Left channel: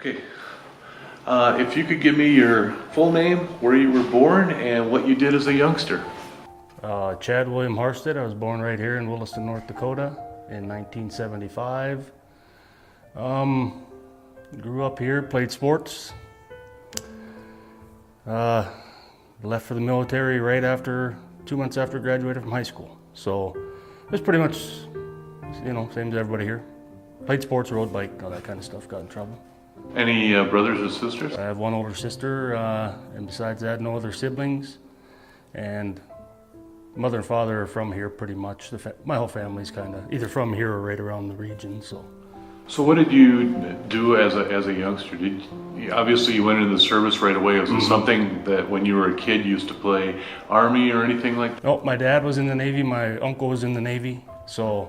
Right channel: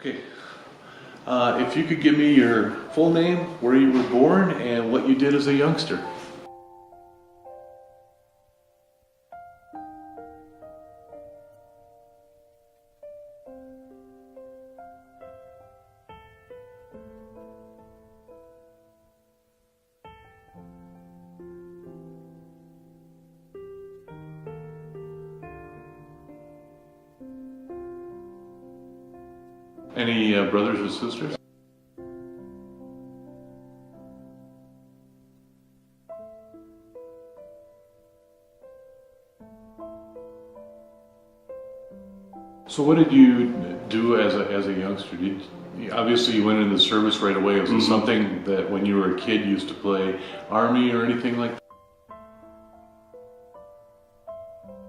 Okay. If you could give me your full name, where you were born, and what you did as a youngster. Chad William Harstad. I was born right here in Williston, North Dakota in 1975. Grew up here, played sports. Left for the military right after, 2 months after graduated from high school. So it was pretty much, same as everybody here. Played sports, rode bike, all that kind of stuff, got in trouble. Any brothers or sisters? I have one older sister, and besides that, no other siblings. And mother and father are from here pretty much. My whole family's kind of either from here or right around the region. So what did you do as a youngster? Obviously you went into the service right away. Was it something that when you were a kid you used to play Army or anything like that? No, my dad was in the Navy, my uncle was in the Navy, so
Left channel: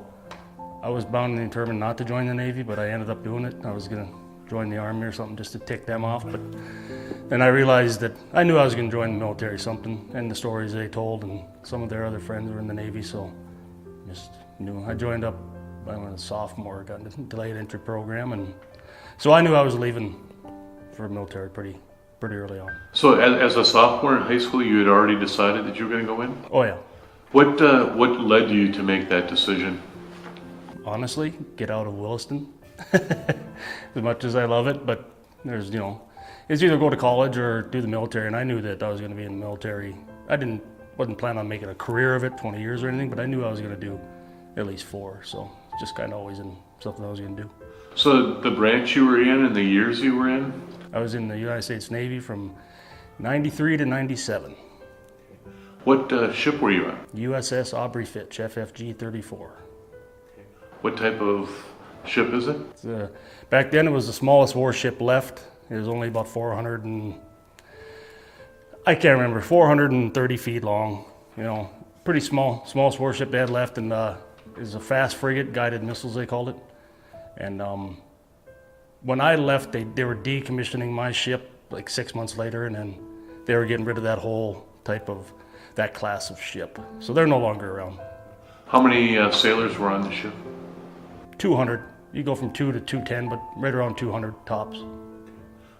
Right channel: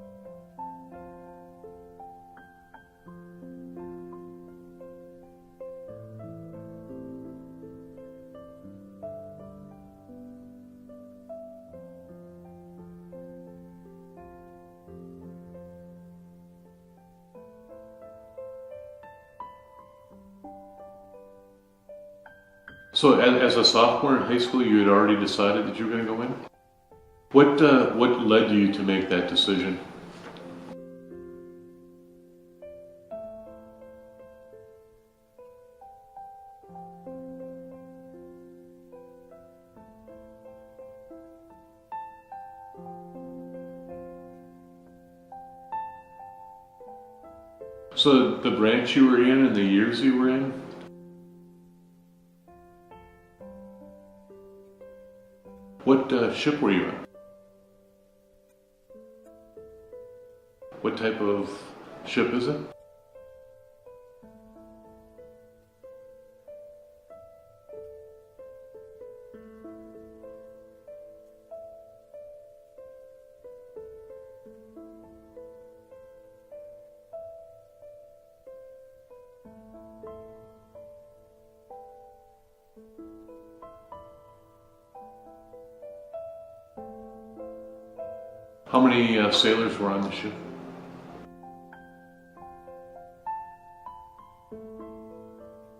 I was bound and determined not to join the Navy, but I ended up doing it. I was going to join the Army or something just to tick them off, but then I realized that I knew I was going to join the military, and the stories they told, and some of their other friends were in the Navy, so just knew. I joined up, I was a sophomore, got into the delayed entry program, and so I knew I was leaving for the military pretty early on. So as a sophomore in high school, you had already decided that you were going to go in? Oh yeah. What led you to make that decision? Honestly, get out of Williston. As much as I love it, but there's, it's either go to college or do the military, and I knew that I was going to be in the military. I wasn't planning on making a career of it, 20 years or anything, but I knew I was going to do at least 4, so just kind of always in something I was going to do. So the branch you were in and the years you were in? I was in the United States Navy from 93 to 97. What ship were you on? USS Aubrey Fitch, FFG 34. What type of ship is it? Back then it was the smallest warship left. It was only about 430 feet long. Pretty smallest warship they had left, and it was a fast frigate, guided missiles they called it. And when I left, they were decommissioning my ship like 6 months later, and then they were getting rid of that whole that class of ship. So they're no longer around. How many sailors were on the ship? 200. You go from 2 to 210, but right around 200 tops.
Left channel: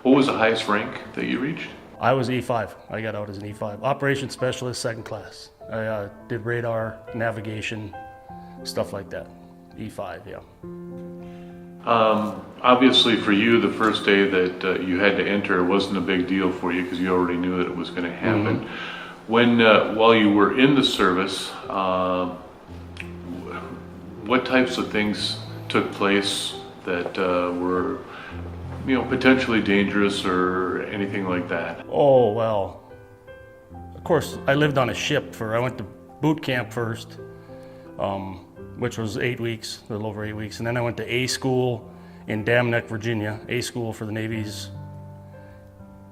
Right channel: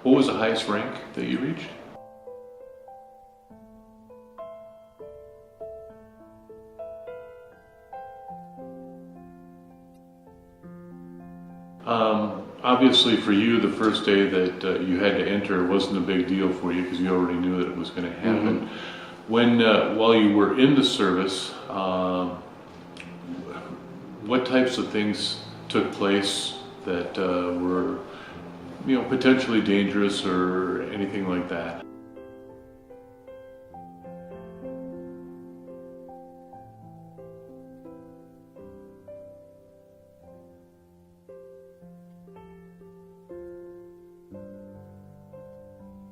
What was the highest rank that you reached? I was E5. I got out as an E5. Operations specialist, second class. I did radar, navigation, stuff like that. E5, yeah. Obviously for you, the first day that you had to enter wasn't a big deal for you because you already knew that it was going to happen. Mm-hmm. While you were in the service, what types of things took place that were, potentially dangerous or anything like that? Oh, well, of course, I lived on a ship I went to boot camp first, which was 8 weeks, a little over 8 weeks. And then I went to A school in Dam Neck, Virginia. A school for the Navy's,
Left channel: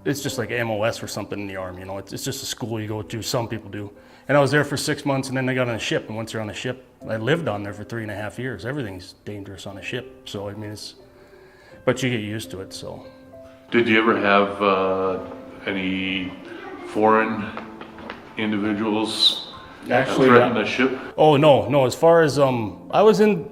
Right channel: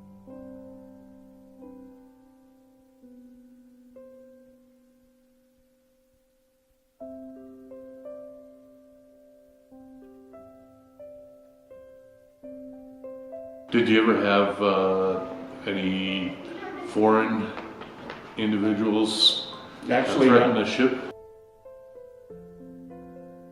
it's just like MOS or something in the Army, it's just a school you go to, some people do. And I was there for 6 months, and then I got on a ship, and once you're on a ship, I lived on there for 3.5 years. Everything's dangerous on a ship, so but you get used to it, so. Did you ever have any foreign individuals threaten the ship? Oh, no, as far as, I was in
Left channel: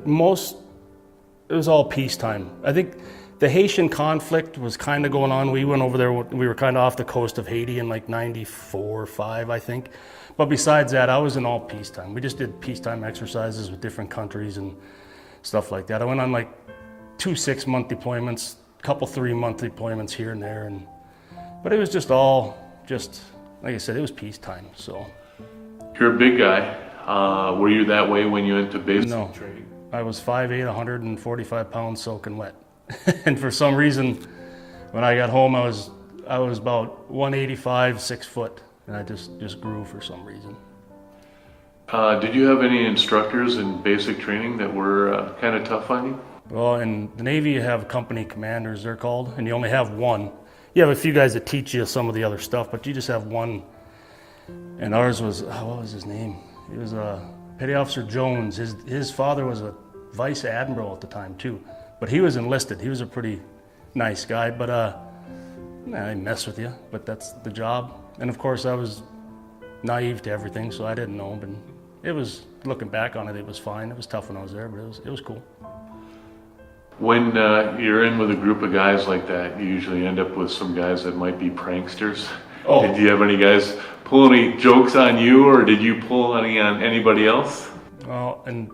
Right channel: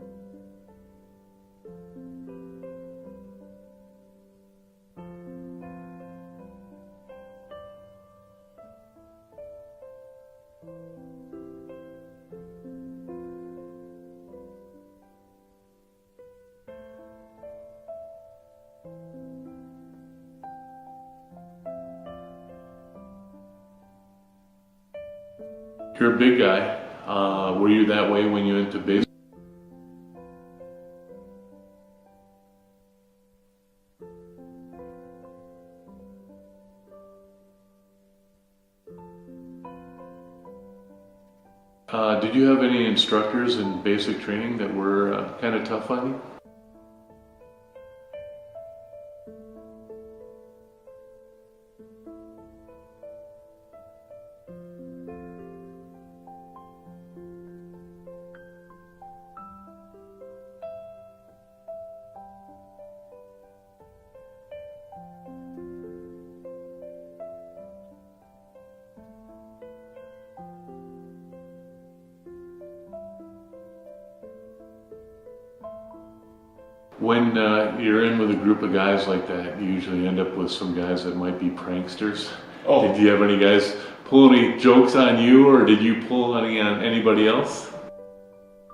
it was all peacetime. I think the Haitian conflict was kind of going on. We went over there, we were kind of off the coast of Haiti in like 94, 5, I think. But besides that, I was in all peacetime. We just did peacetime exercises with different countries and stuff like that. I went on like 2 6-month deployments, a couple 3-month deployments here and there. But it was just like I said, it was peacetime, so. You're a big guy. Were you that way when you went to basic training? No. I was 5'8", 145 pounds soaking wet. And for some reason, when I got home, I was about 185, 6 foot. And I just grew for some reason. Did you have any instructors in basic training that were kind of tough on you? Well, in the Navy, you have company commanders, they're called, and you only have one. You have a few guys that teach you some of the other stuff, but you just have one. And ours was, what was his name? He was Petty Officer Jones. His father was a vice admiral at the time, too. But he was enlisted. He was a pretty nice guy, but I mess with you, but that's the job. And of course, I was naive to everything, so I didn't know. But it was, looking back on it, it was fine. It was tough when I was there, but it was cool. When you're in with a group of guys like that, you usually end up with some guys that might be pranksters. Oh. Did you have any guys pull any jokes on you, or did you pull any on anybody else? Well, in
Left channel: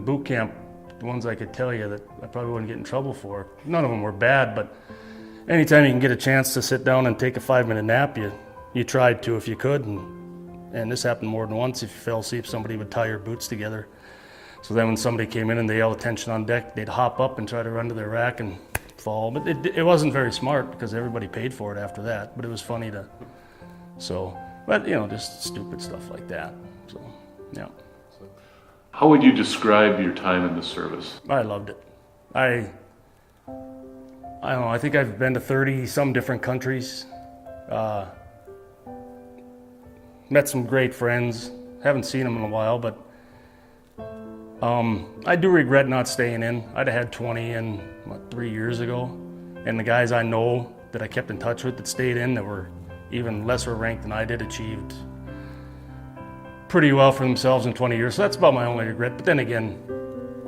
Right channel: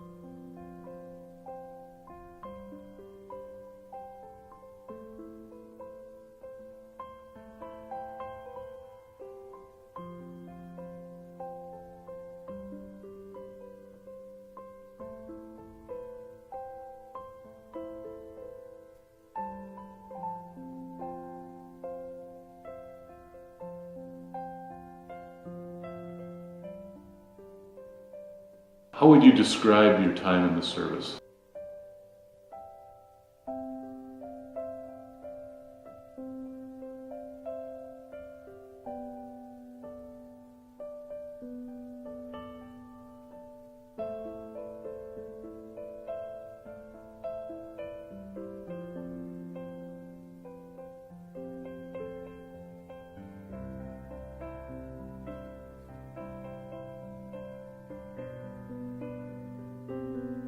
boot camp, the ones I could tell you that I probably wouldn't get in trouble for, none of them were bad, but anytime you can get a chance to sit down and take a 5-minute nap, you tried to if you could, and this happened more than once. If you fell asleep, somebody would tie your boots together. So then when somebody came in and they yelled attention on deck, they'd hop up and try to run to their rack and fall. But it wasn't very smart because everybody paid for it after that, but it was funny but just stupid stuff like that, so, yeah. How would you describe your time in the service? I loved it. I don't know, I think I've been to 30 some different countries, met some great friends, haven't seen them in a while, but I do regret not staying in. I'd have had 20 in 3 years ago, and the guys I know that I kept in touch with that stayed in that were even lesser ranked than I did achieved pretty well for themselves in 20 years. So that's about my only regret. But then again,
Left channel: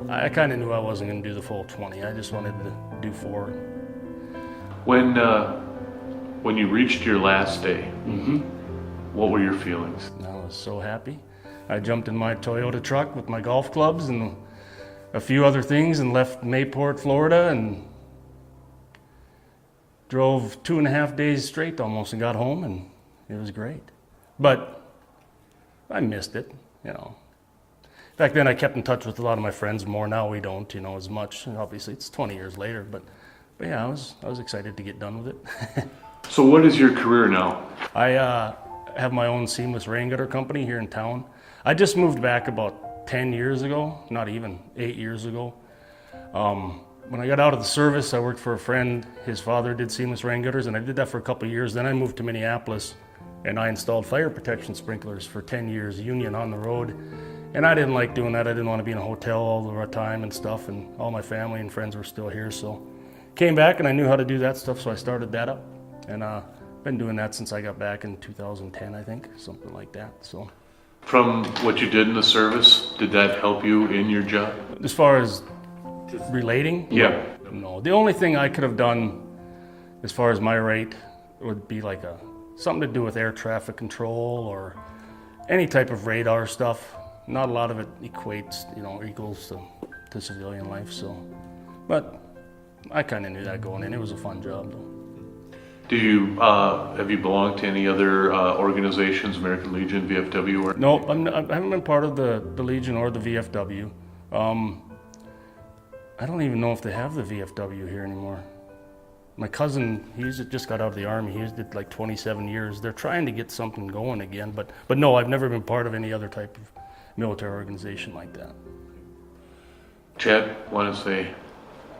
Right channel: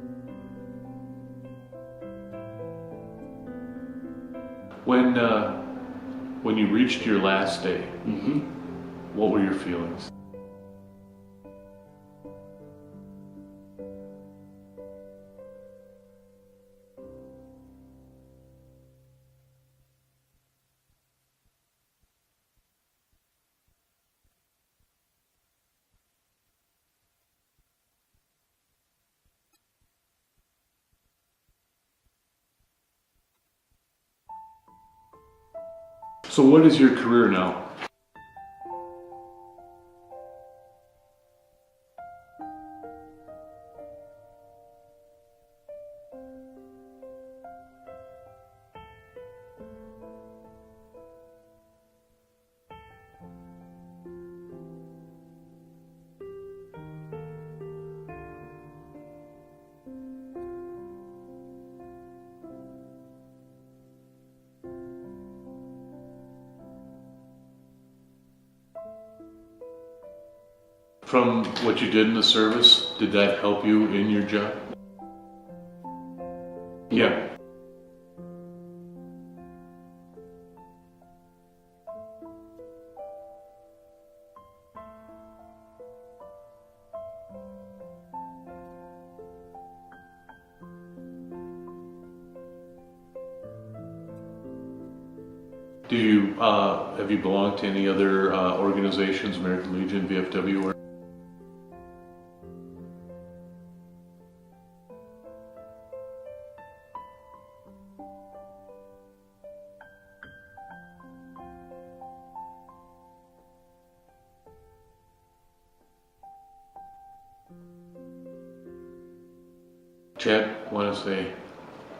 I kind of knew I wasn't going to do the full 20. I just wanted to do 4. When you reached your last day, what were your feelings? I was so happy. I jumped in my Toyota truck with my golf clubs and a few other things and left Mayport, Florida, and drove 2.5 days straight almost and got home, and it was great. But I missed it, Back then I kept in touch with a lot of my friends more. Now we don't, as much. And obviously it's 20 years later, but yeah, I was excited to get done with it. So what is your career now? I have my own seamless rain gutter company here in town. I just moved back about 10 years ago, not even 8 years ago. When I got out of the service, I worked for a friend. His father did seamless rain gutters, and I did that for a couple of years. Then I moved to Minneapolis, and I installed fire protection sprinklers for 10 years, union on the road. And I didn't like doing that. I didn't want to be in a hotel all the time and stuff, and all my family and friends were still here. So came back, and I knew how to do that stuff, so I started that up. And been doing that since I got back in 2010, I think, something like that. So, from what you did in the service, did that help you in your job? As far as relating? Yeah. No, the only thing I could have done as far as my rate would be like something to do with air traffic control or any type of radar stuff. Not a lot of it equates, equals to civilian life. So, but I kind of knew that going in. It was a fun job, though. Have you belonged to any other organizations, American Legion, VFW? Or? No, I haven't been part of the Legion or the VFW. I don't even know if they have the VFW here anymore. My cousin, just got out of the Army. He did like 27 years. They're trying to get something going again, but no, I've never been part of any other type of military organization like that. Chad, I want to say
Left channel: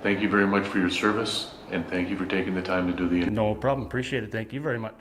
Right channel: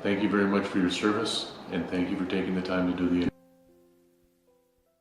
thank you very much for your service, and thank you for taking the time to do the interview. No problem. Appreciate it. Thank you very much.